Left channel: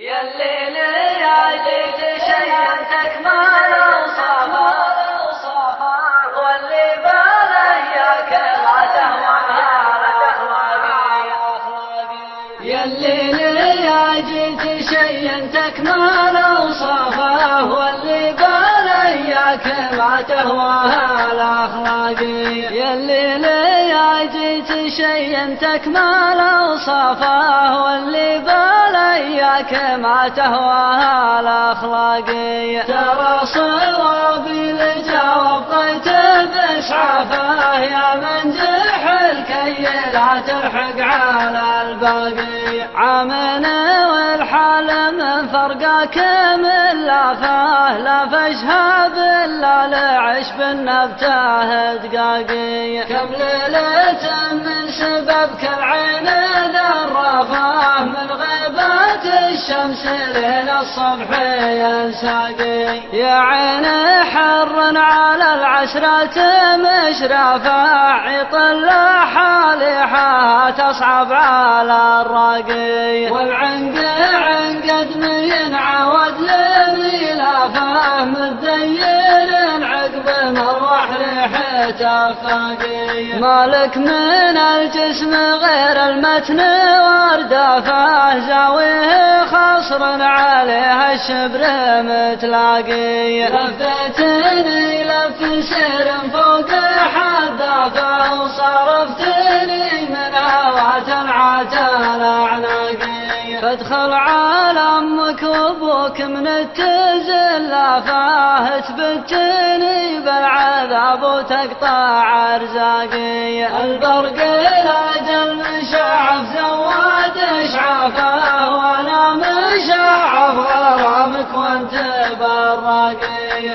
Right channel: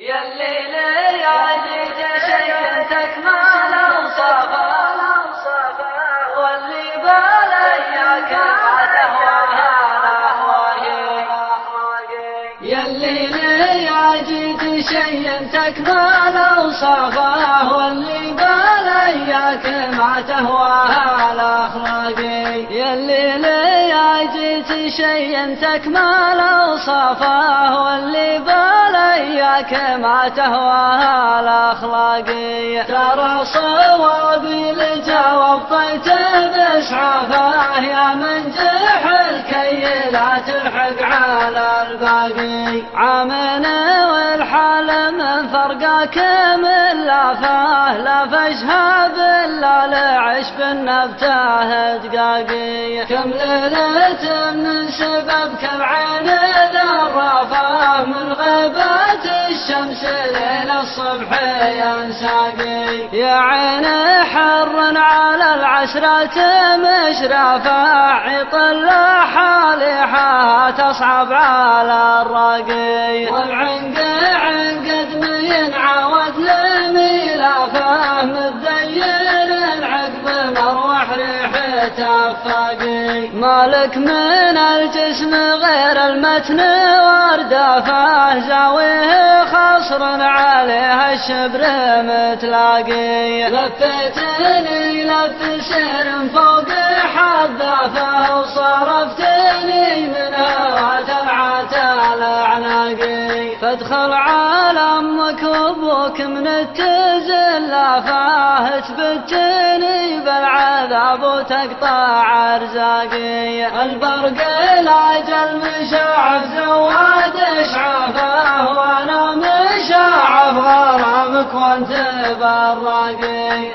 يا الليل يا جيت شيئتك ما لوصفه واللي بالياك ما تهواها الأخلاق. يا الليل يا جيت شيئتك ما لوصفه واللي بالياك ما تهواها الأخلاق. يا الليل يا جيت شيئتك ما لوصفه واللي بالياك ما تهواها الأخلاقية. ترى صوابي لجواب بإسعافه يا من جحل كي لا تلحق على الباقي. عامنا والحال من فرقك من لافه لا فشهاب إلا لعش بالنبته دقاقي. كم ليلة من سببك العين ذرفه من غيبات الشمس لين الصبح ينساقي. يا عين حر على العسرة مشرفة عطل حالحها تصعب على الراقي. والعنق عنقد من عود لميلافه متذيل عقب مروح ريحته فاقي. مالك من الجسم غير المتن واردافه زاويه خصر عليها الشبر متلاقي. لفتني لف سير فوق حذافه وصرفتني من هوات العتال اعناقي. فادخل على امك وابوك من التزلافه تبتني بالعذاب وتقطع ارزاقي. البرق الاجل مشعف زواد اشعافه وانا مشعف غرامك وانت بالراقي.